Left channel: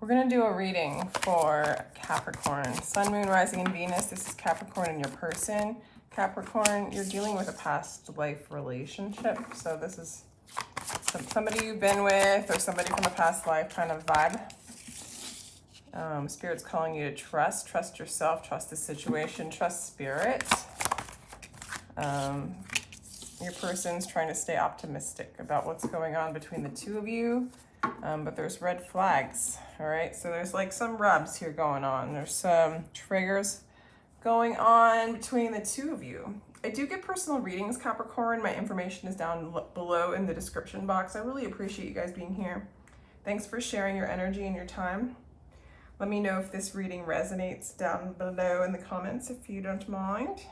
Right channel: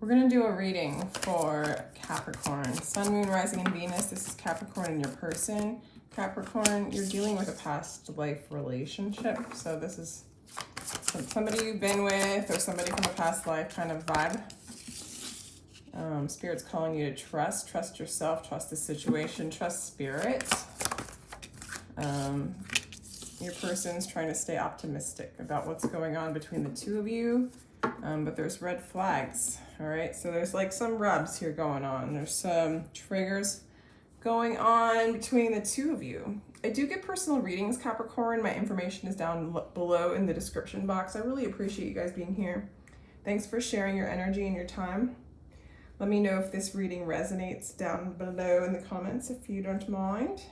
We're going to do a reading for Capricorn. Sun, Moon, Rising, and Venus. This is Capricorn and your person. Capricorn, you're dealing with a past life relationship. So this is somebody you've been with or somebody from a past life kind of vibe. Spirit's calling you to trust. Trust yourself. Trust the situation. Trust spirit. Your person's trying to stay optimistic about what's going on between the two of you. But there's red flags. All right, so there's like some rubs here going on. There's some triggers going on between the two of you. I do get personal readings, Capricorn. My information is down below in the description box. I really appreciate you guys being here. Thanks for sharing your energy and your time. Let me know if this reading resonates down below in the comments if you don't mind.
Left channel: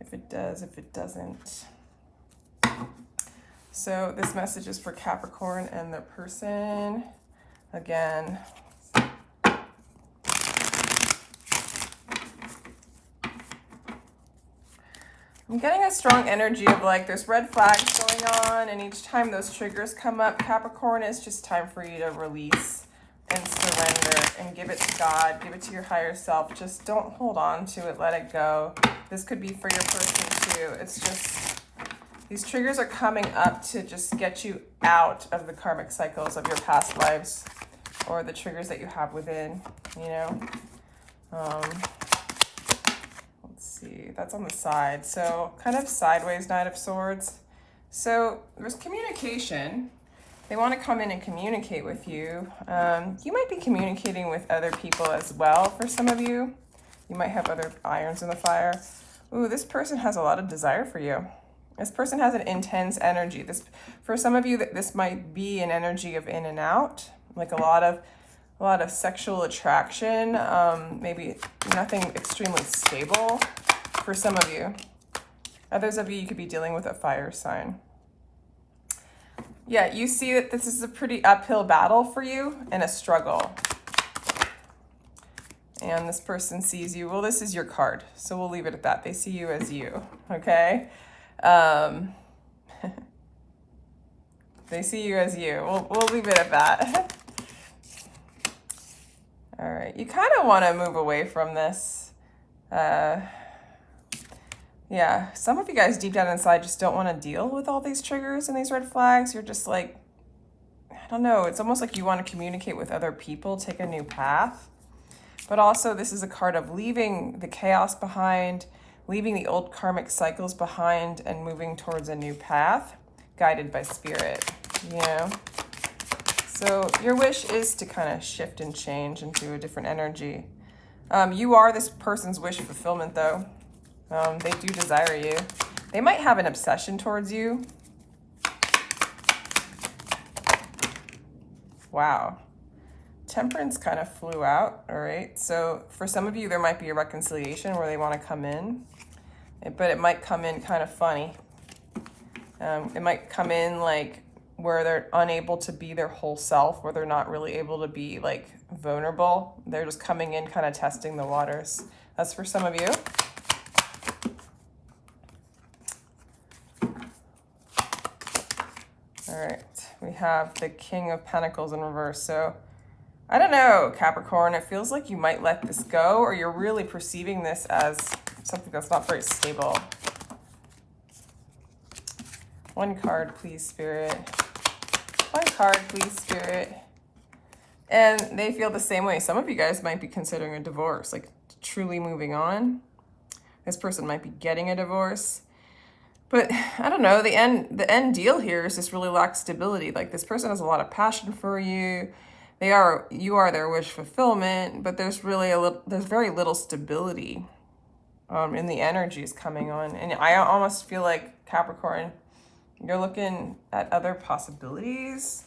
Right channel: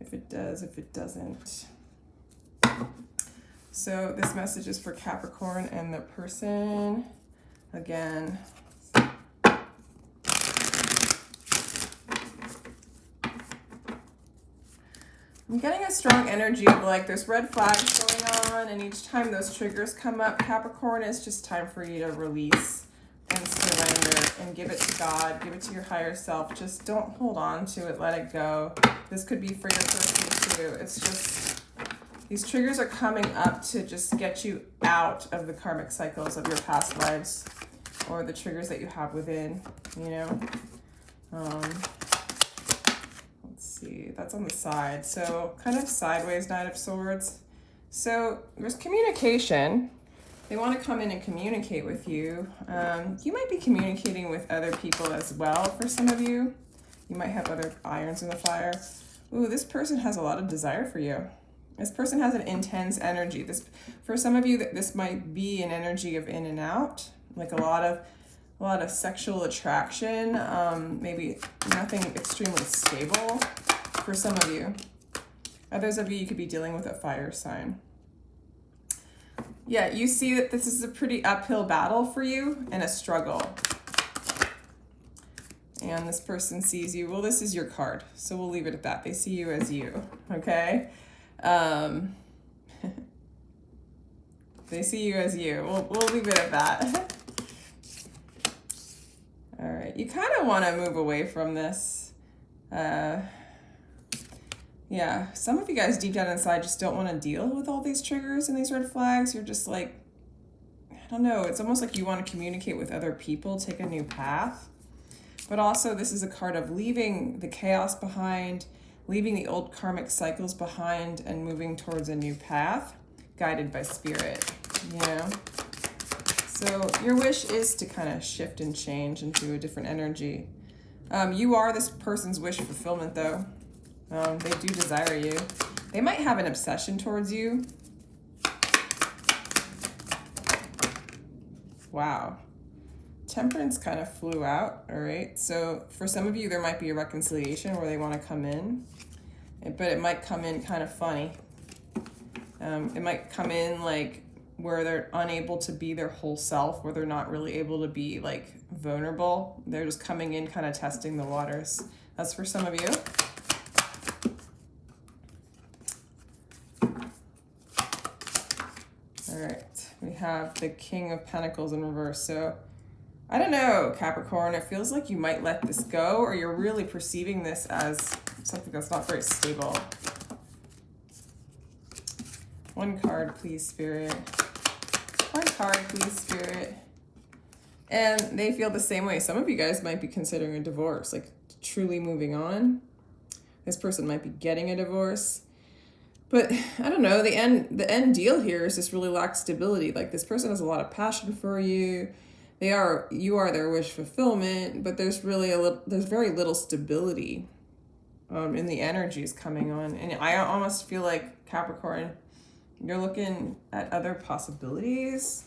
If it does, if it doesn't. So this message is for Capricorn and the person. Again, I'm getting a strong energy of like there's red flags going on, and each time those triggers come up, Capricorn, it's just time for you to release and surrender and give it to God, give it to your higher self. Just don't hold on to it, let it go. This could be for your person too. It's just, these triggers are coming up to just get you out of the karmic cycles of your past lives or the triggers that you have within, you know. Let's see, that's on the side. So kind of sideways Knight of Swords. So there's communication. They want to come in and communicate with you. You might be communicating with other people as well for some of you. You might have other irons in the fire. Ooh, this person has a lot of desire for you. This person has an intense energy. This, for some of you, this might be an energy of in and out, like a lot of sexual attraction. Maybe nothing extremely stable for some of you. Others of you, you could be dealing with a fire sign. Yeah, you see that this is a pretty uphill battle for you and a struggle. And this person sees you. Well, this is your card, so we'll leave it at that. They see you as you, okay? They see you as you. We'll leave it at that. All right, you kind of want to move away from this. Yeah, some of you guys deep down inside just don't want to deal with all these triggers and these red flags. You're just like, I don't know, it's almost like you want to communicate with other people, take a new path. But also this is a card of leaving the chaos behind, leaving the old karmic cycles behind and moving towards a new path, guided by spirit, you know? So your wish is to kind of shift and change into a different energy. You are this person's wish fulfillment though. They do desire you. They might have an obsession towards you. Wow. Temperance kind of flew out, all right? So for some of you, there might be a reconciliation where they want to come in, but it might come in kind of funny. It might come in like where they're unable to be their whole self, where they're not really able to be like vulnerable. They're just coming in kind of testing the waters. That's for some of you. All right, we have the King of Pentacles in reverse. So I don't know, Capricorn, it feels like you might let this go, or you're really perceiving this as something that's not very stable. One card, please, Spirit. One card, please, Spirit. And they feel the same way. Some of you guys might be considering a divorce, like truly moving on. This person might be getting a divorce. But I don't know, the end deal here is just really lack stability. Like this person has a lot of passion for you. You are their wish fulfillment, but there's very little stability in the energies coming on. And I almost feel like, Capricorn, you're looking at other possibilities,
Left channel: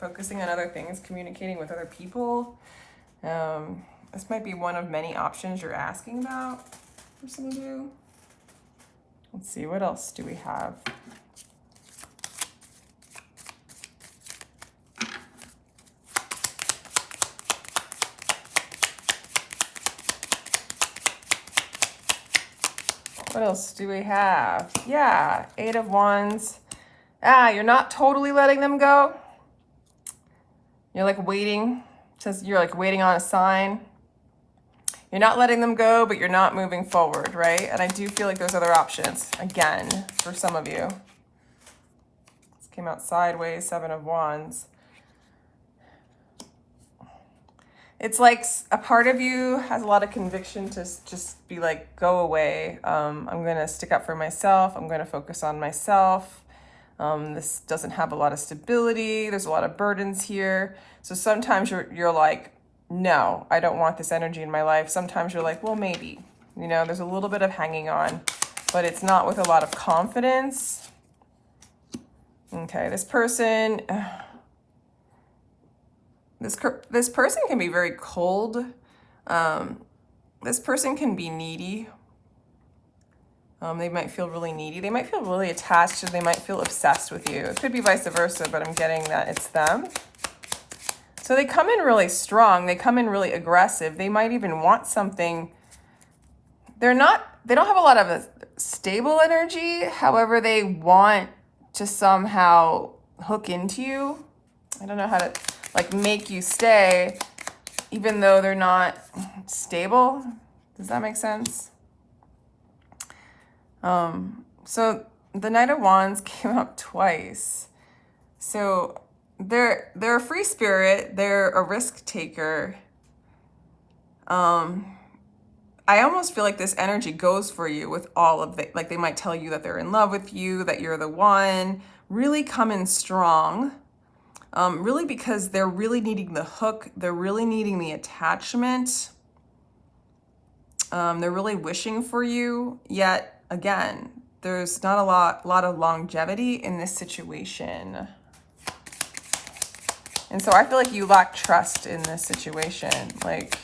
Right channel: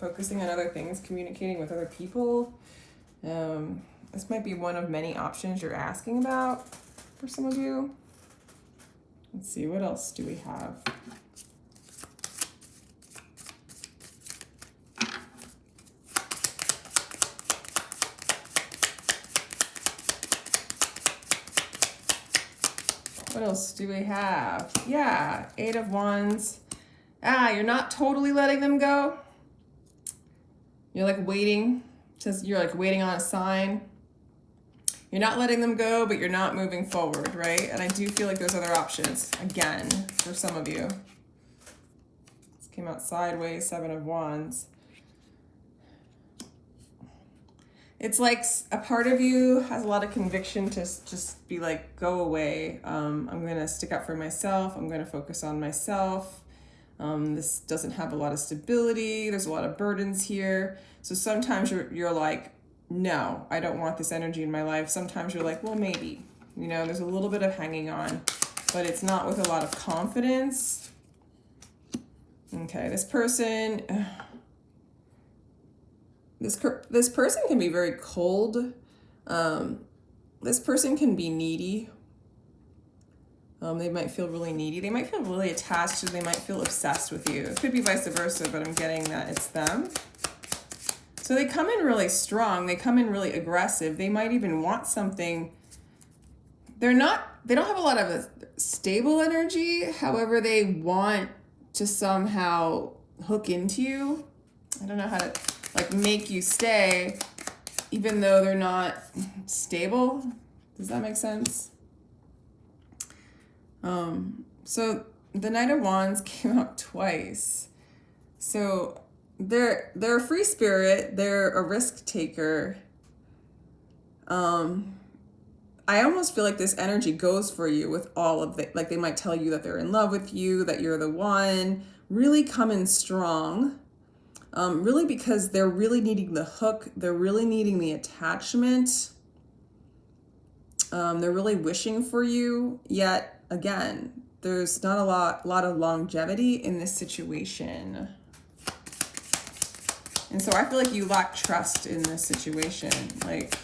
focusing on other things, communicating with other people. This might be one of many options you're asking about for some of you. Let's see, what else do we have? What else do we have? Yeah, 8 of Wands. You're not totally letting them go. You're like waiting says you're like waiting on a sign. You're not letting them go, but you're not moving forward, right? And I do feel like there's other options, again, for some of you. This came out sideways, 7 of Wands. It's like a part of you has a lot of conviction to just be like, go away. I'm going to stick up for myself. I'm going to focus on myself. This doesn't have a lot of stability. There's a lot of burdens here. So sometimes you're like, no, I don't want this energy in my life. Sometimes you're like, well, maybe, you know, there's a little bit of hanging on, but it's not with a lot of confidence. Okay, this person, this person can be very cold. This person can be needy. They might feel really needy. They might feel really attached, or they might feel obsessed with you. It could be vice versa, but I'm getting that it's them. So they come in really strong. They come in really aggressive. They might even want something. They don't have a lot of a stable energy. However, they want to somehow hook into you. I don't know how to like make you stay, even though they're not stable. Does that make sense? So the Knight of Wands came out twice. So they're a free spirit. They're a risk taker. I almost feel like this energy goes for you with all of the, like they might tell you that they're in love with you, that you're the one, really come in strong. Really because they're really needing the hook. They're really needing the attachment. They're really wishing for you, yet again, there's not a lot of longevity in this situation. And so I feel like you lack trust in this situation. Like,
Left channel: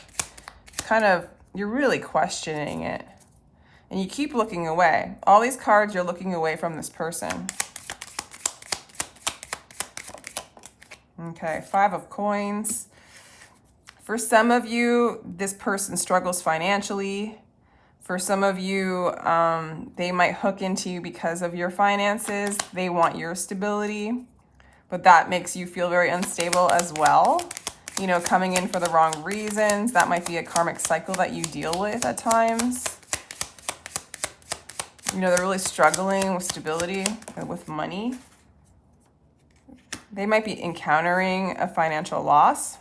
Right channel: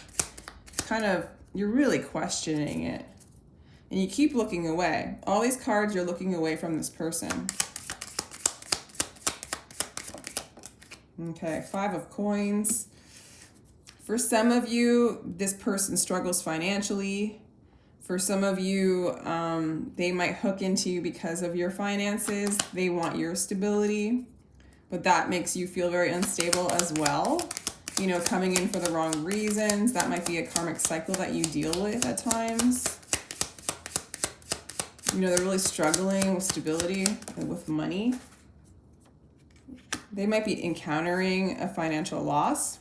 kind of, you're really questioning it. And you keep looking away. All these cards, you're looking away from this person. Okay, 5 of Coins. For some of you, this person struggles financially. For some of you, they might hook into you because of your finances. They want your stability, but that makes you feel very unstable as well. You know, coming in for the wrong reasons. That might be a karmic cycle that you deal with at times. You know, they're really struggling with stability and with money. They might be encountering a financial loss.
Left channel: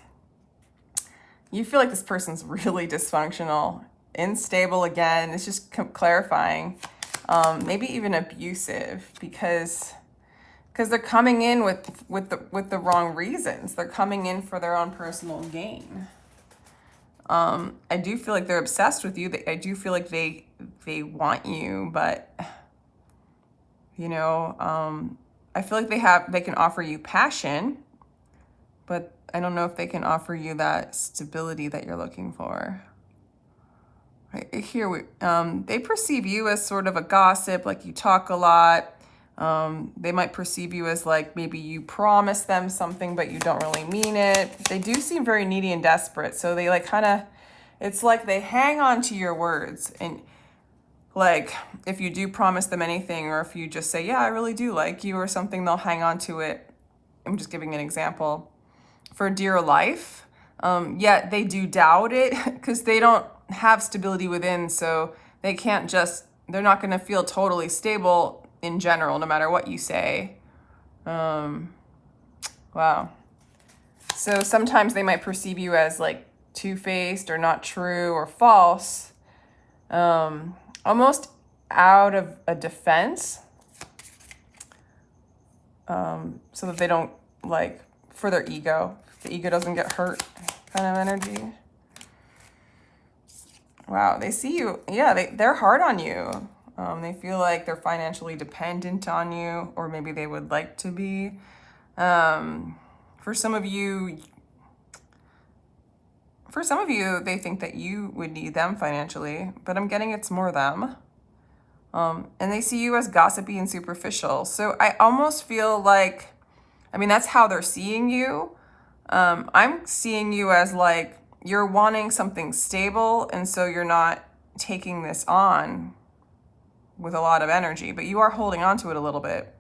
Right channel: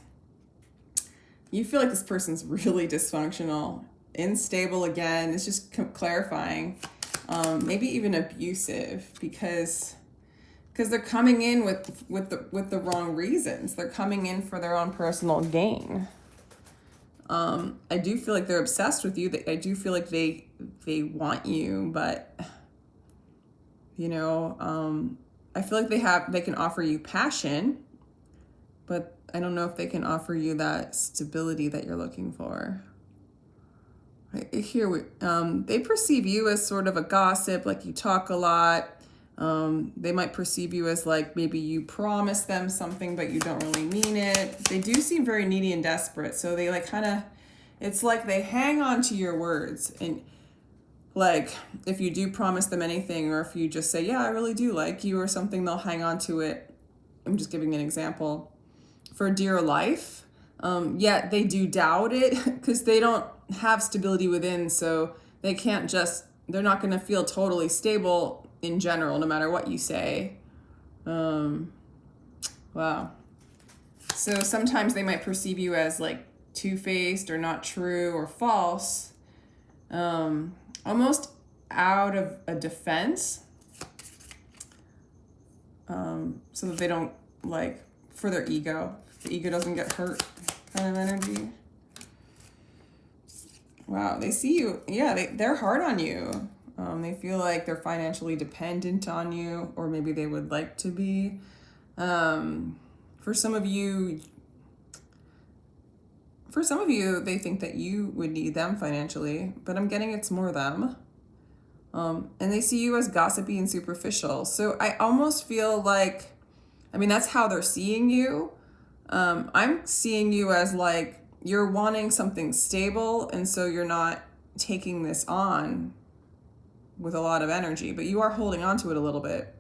You feel like this person's really dysfunctional, unstable again. It's just clarifying. Maybe even abusive because they're coming in with the wrong reasons. They're coming in for their own personal gain. I do feel like they're obsessed with you. I do feel like they want you, but you know, I feel like they can offer you passion, but I don't know if they can offer you that stability that you're looking for. Right here, they perceive you as sort of a gossip, like you talk a lot. They might perceive you as like maybe you promise them something, but you don't really mean it. They do seem very needy and desperate. So they like kind of, it's like they hang on to your words. And like if you do promise them anything, or if you just say, yeah, I really do like you or something, they'll hang on to it. I'm just giving an example. For dear life, yet they do doubt it because they don't have stability within. So they can't just, they're not going to feel totally stable in general, no matter what you say. Wow. So sometimes they might perceive you as like two-faced or not true or false, almost out of a defense, so that they don't like, for their ego, the ego doesn't get hurt kind of energy. Wow, they see you. Yeah, they're hard on you. They feel like they're financially dependent on you, or maybe they would like to be. For some of you, they think that you would need them financially, but I'm getting it's more them. And they see you as gossipy and superficial. So I almost feel like, I mean, that's how they're seeing you. I'm seeing you as like, you're wanting something stable, and so you're not taking this on with a lot of energy, but you are holding on to it a little bit.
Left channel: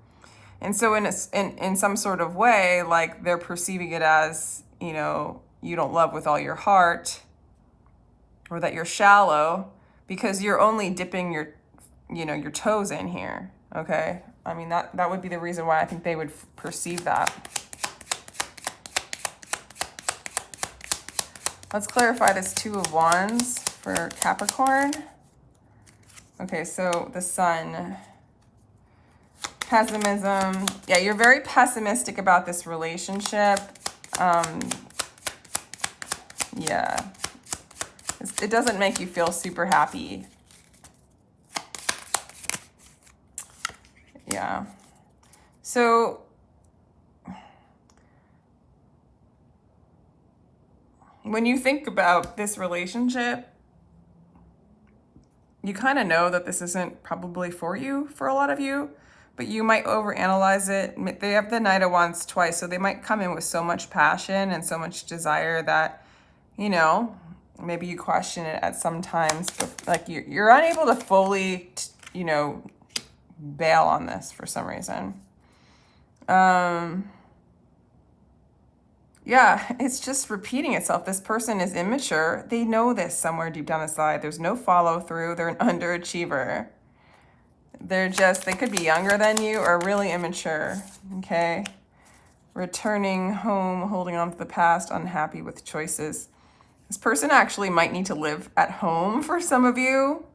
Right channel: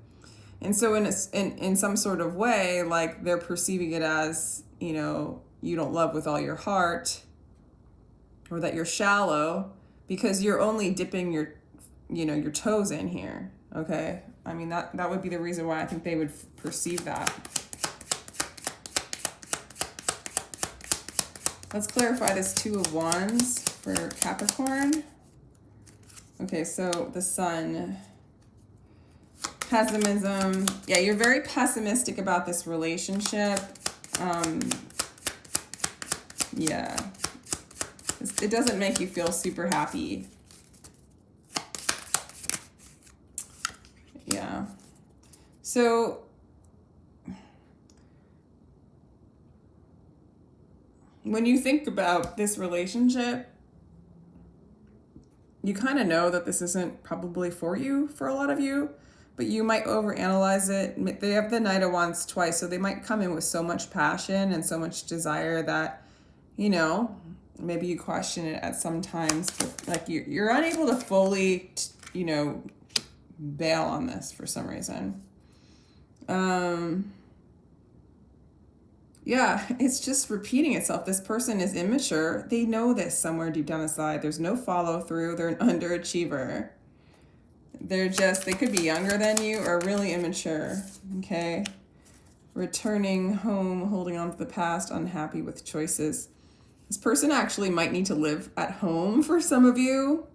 And so in some sort of way, like they're perceiving it as, you know, you don't love with all your heart, or that you're shallow, because you're only dipping your, your toes in here, okay? I mean, that would be the reason why I think they would perceive that. Let's clarify this Two of Wands for Capricorn. Okay, so the Sun, pessimism. Yeah, you're very pessimistic about this relationship. Yeah, it doesn't make you feel super happy. Yeah, so when you think about this relationship, you kind of know that this isn't probably for you, for a lot of you, but you might overanalyze it. They have the Knight of Wands twice, so they might come in with so much passion and so much desire that, maybe you question it at some times, but like you're unable to fully, bail on this for some reason. Yeah, it's just repeating itself. This person is immature. They know this somewhere deep down inside. There's no follow through. They're an underachiever. They could be younger than you or really immature, okay? Returning home, holding on to the past, unhappy with choices. This person actually might need to live at home for some of you,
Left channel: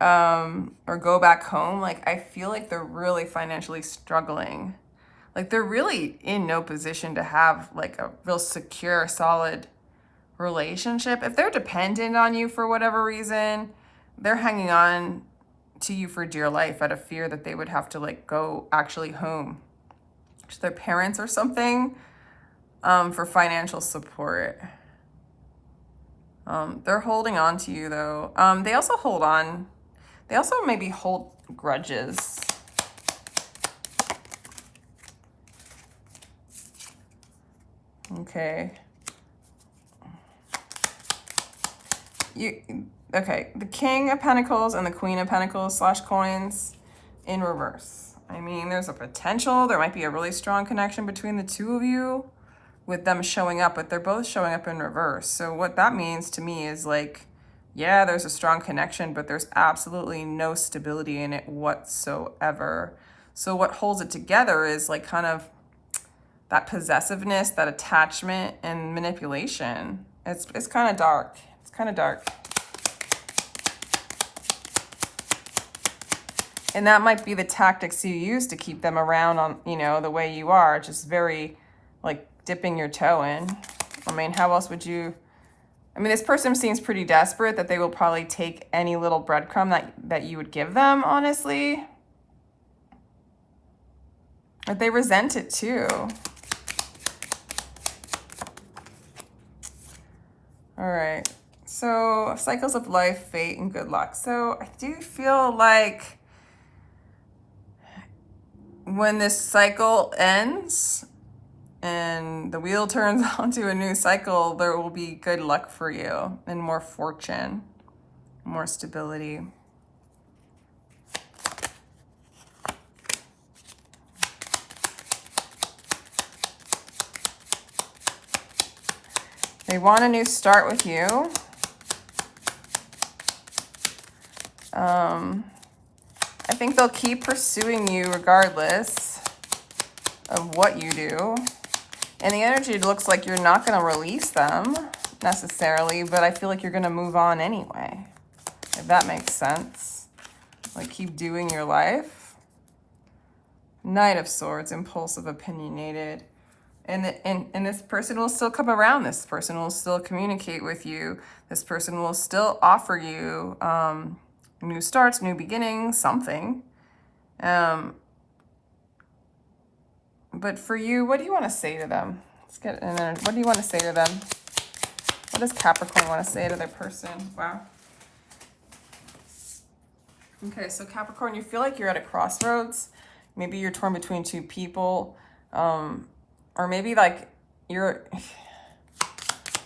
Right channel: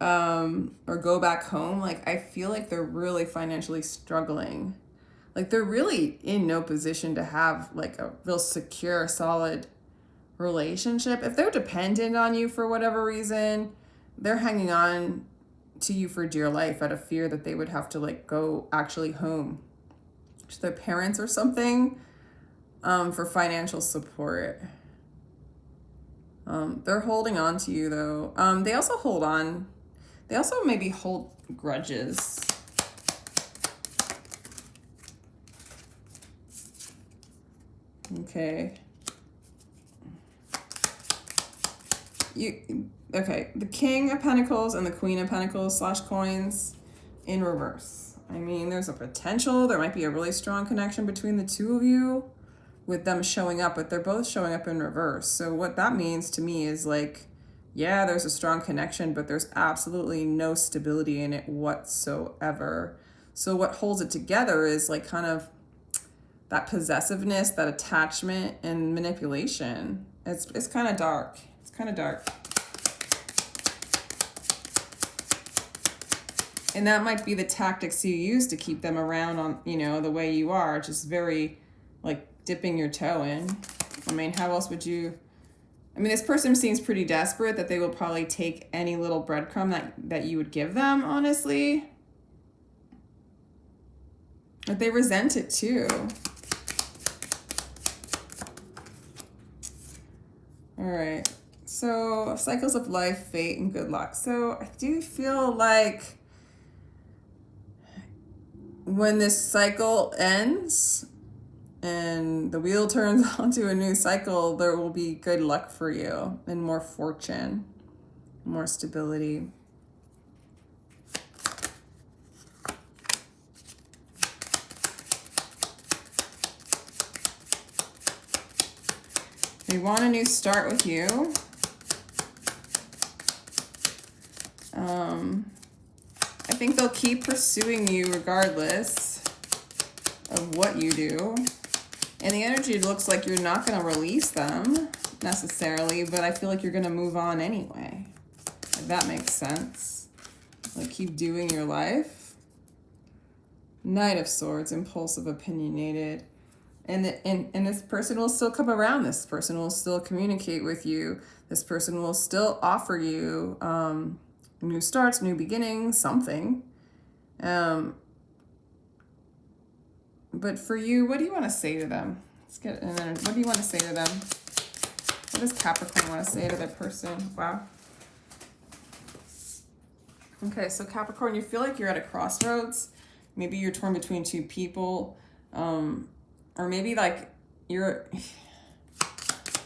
or go back home. Like, I feel like they're really financially struggling. Like, they're really in no position to have like a real secure, solid relationship. If they're dependent on you for whatever reason, they're hanging on to you for dear life out of fear that they would have to like go actually home to their parents or something, for financial support. They're holding on to you though. They also maybe hold grudges. Okay. Okay, the King of Pentacles and the Queen of Pentacles / coins in reverse. I mean, there's a potential. There might be a really strong connection between the two of you with them showing up, but they're both showing up in reverse. So what that means to me is like, yeah, there's a strong connection, but there's absolutely no stability in it whatsoever. So what holds it together is like kind of that possessiveness, that attachment and manipulation. It's kind of dark. It's kind of dark. And that might be the tactics you use to keep them around on, the way you are, just very like dipping your toe in. I mean, how else would you? I mean, this person seems pretty desperate that they will probably take any little breadcrumb that you would give them, honestly. But they resent it too. All right, so cycles of life, fate, and good luck. So I do feel like when this cycle ends and the wheel turns onto a new cycle, there will be good luck for you and more fortune, more stability. They want a new start with you. I think they'll keep pursuing you regardless of what you do. And the energy looks like you're not going to release them necessarily, but I feel like you're going to move on anyway, if that makes sense. Like, keep doing your life. Knight of Swords, impulsive, opinionated. And this person will still come around. This person will still communicate with you. This person will still offer you new starts, new beginnings, something. But for you, what do you want to say to them? Let's get in there. What do you want to say to them? What does Capricorn want to say to their person? Wow. Okay, so Capricorn, you feel like you're at a crossroads. Maybe you're torn between two people. Or maybe like you're,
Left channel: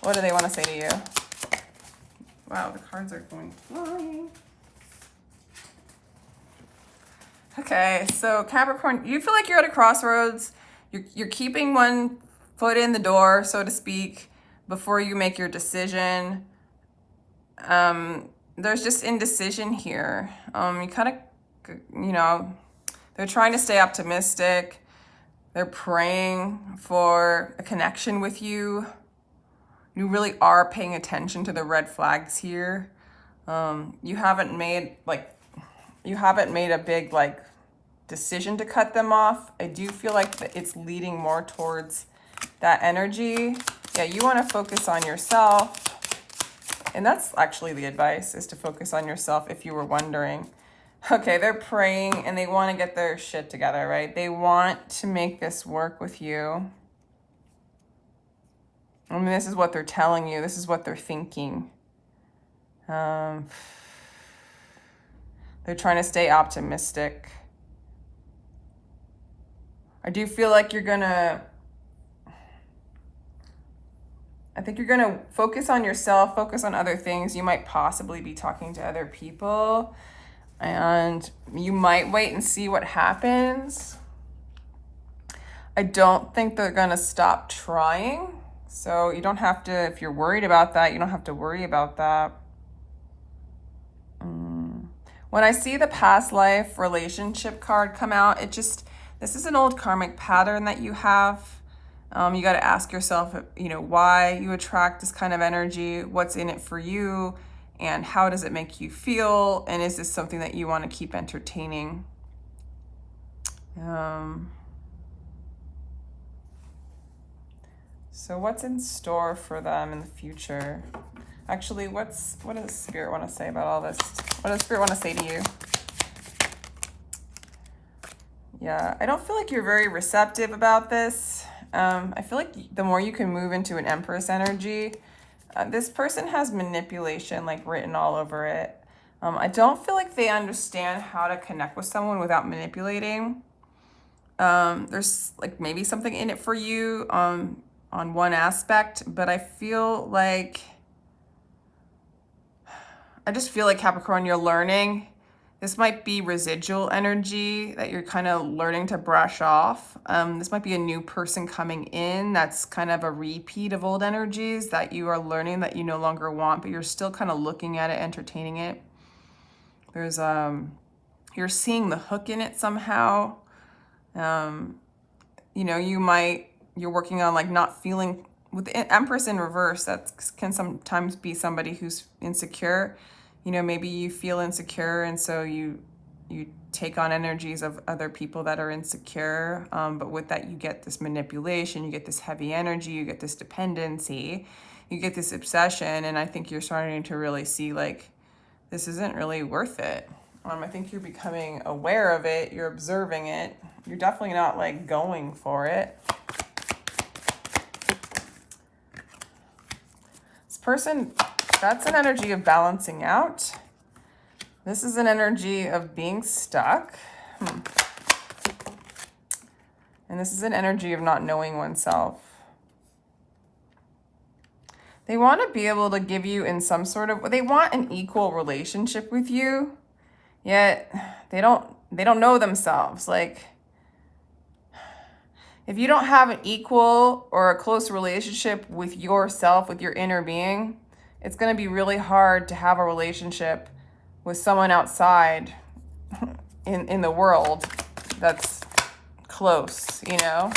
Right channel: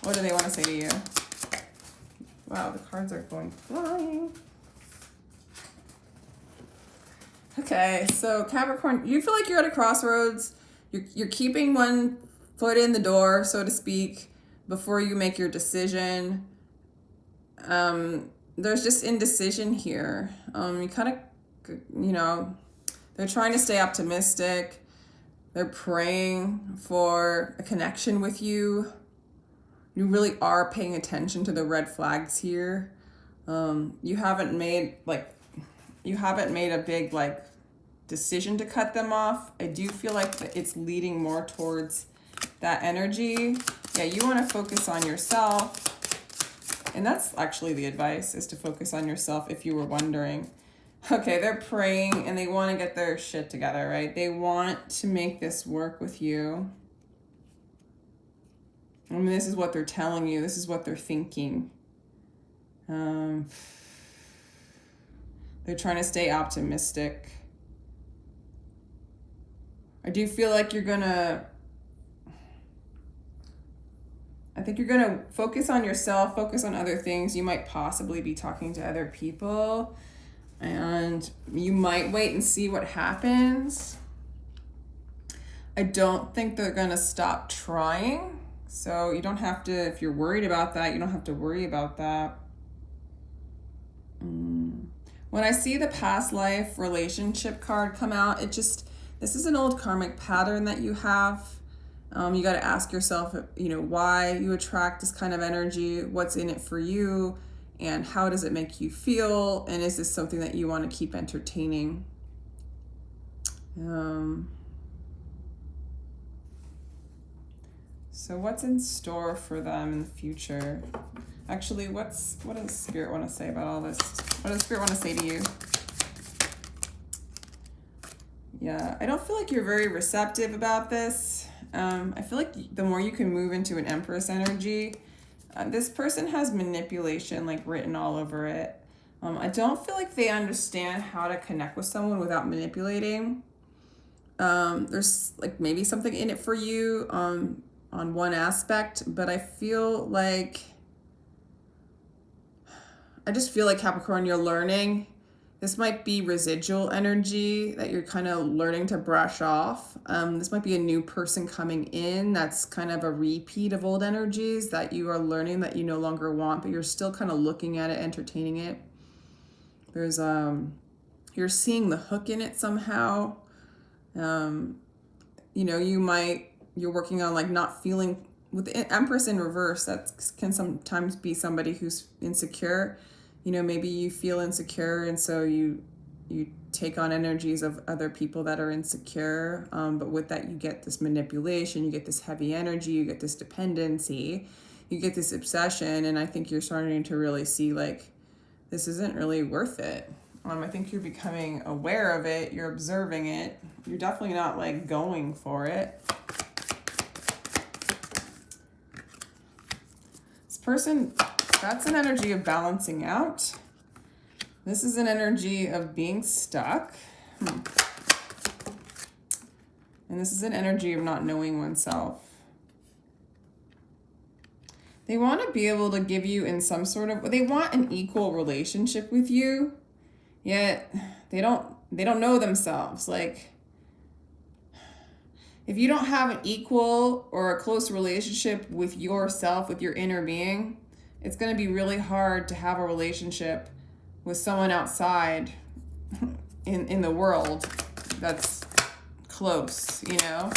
what do they want to say to you? Wow, the cards are going flying. Okay, so Capricorn, you feel like you're at a crossroads. You're keeping one foot in the door, so to speak, before you make your decision. There's just indecision here. You kind of, you know, they're trying to stay optimistic. They're praying for a connection with you. You really are paying attention to the red flags here. You haven't made a big like decision to cut them off. I do feel like it's leading more towards that energy. Yeah, you want to focus on yourself. And that's actually the advice, is to focus on yourself, if you were wondering. Okay, they're praying and they want to get their shit together, right? They want to make this work with you. I mean, this is what they're telling you. This is what they're thinking. They're trying to stay optimistic. I do feel like I think you're gonna focus on yourself, focus on other things. You might possibly be talking to other people, and you might wait and see what happens. I don't think they're gonna stop trying. So you don't have to, if you're worried about that, you don't have to worry about that. When I see the past life relationship card come out, this is an old karmic pattern that you have. You got to ask yourself, you know, why you attract this kind of energy, what's in it for you, and how does it make you feel, and is this something that you want to keep entertaining? So what's in store for them in the future? Actually, what does Spirit want to say about all this? What does Spirit want to say to you? Yeah, I don't feel like you're very receptive about this. I feel like the more you can move into an Empress energy, this person has manipulation like written all over it. I don't feel like they understand how to connect with someone without manipulating. There's like maybe something in it for you on one aspect, but I just feel like Capricorn, you're learning. This might be residual energy that you're kind of learning to brush off. This might be a new person coming in that's kind of a repeat of old energies that you are learning that you no longer want, but you're still kind of looking at it, entertaining it. There's, you're seeing the hook in it somehow. You know, you're working on like not feeling, with the Empress in reverse, that can sometimes be somebody who's insecure. You know, maybe you feel insecure, and so you take on energies of other people that are insecure. But with that, you get this manipulation, you get this heavy energy, you get this dependency, you get this obsession. And I think you're starting to really see like, this isn't really worth it. I think you're becoming aware of it. You're observing it. You're definitely not like going for it. This person, that's an energy of balancing out. This is an energy of being stuck. And this is an energy of not knowing oneself. They want to be able to give you in some sort of, they want an equal relationship with you, yet they don't know themselves. Like, if you don't have an equal or a close relationship with yourself, with your inner being, it's going to be really hard to have a relationship with someone outside in the world that's close, you know?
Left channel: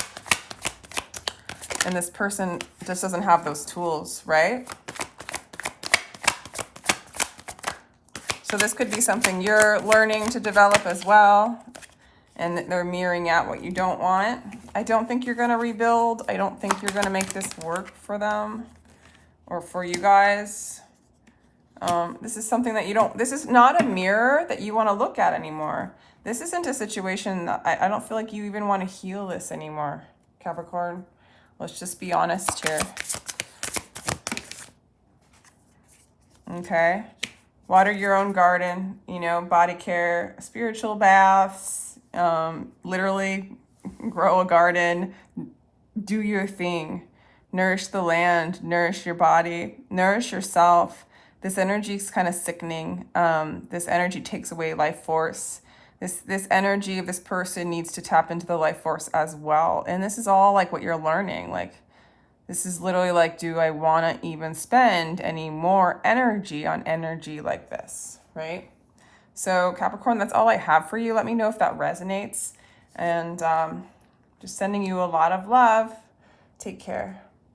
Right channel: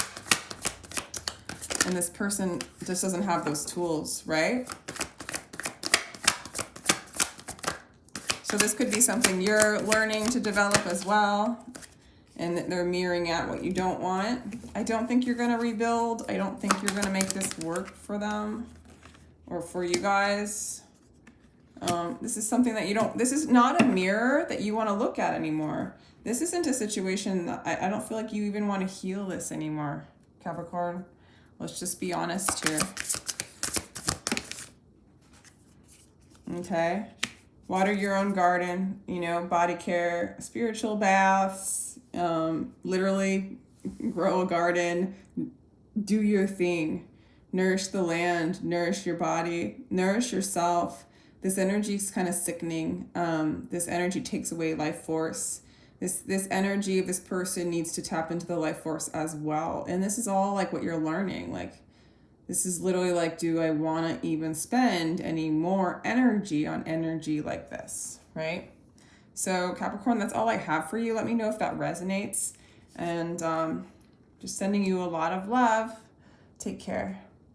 And this person just doesn't have those tools, right? So this could be something you're learning to develop as well. And they're mirroring out what you don't want. I don't think you're gonna rebuild. I don't think you're gonna make this work for them or for you guys. This is something that this is not a mirror that you wanna look at anymore. This isn't a situation that I don't feel like you even wanna heal this anymore, Capricorn. Let's just be honest here. Okay. Water your own garden, you know, body care, spiritual baths, literally grow a garden, do your thing, nourish the land, nourish your body, nourish yourself. This energy is kind of sickening. This energy takes away life force. This energy of this person needs to tap into the life force as well. And this is all like what you're learning. Like, This is literally like, do I want to even spend any more energy on energy like this, right? So Capricorn, that's all I have for you. Let me know if that resonates. And just sending you a lot of love. Take care.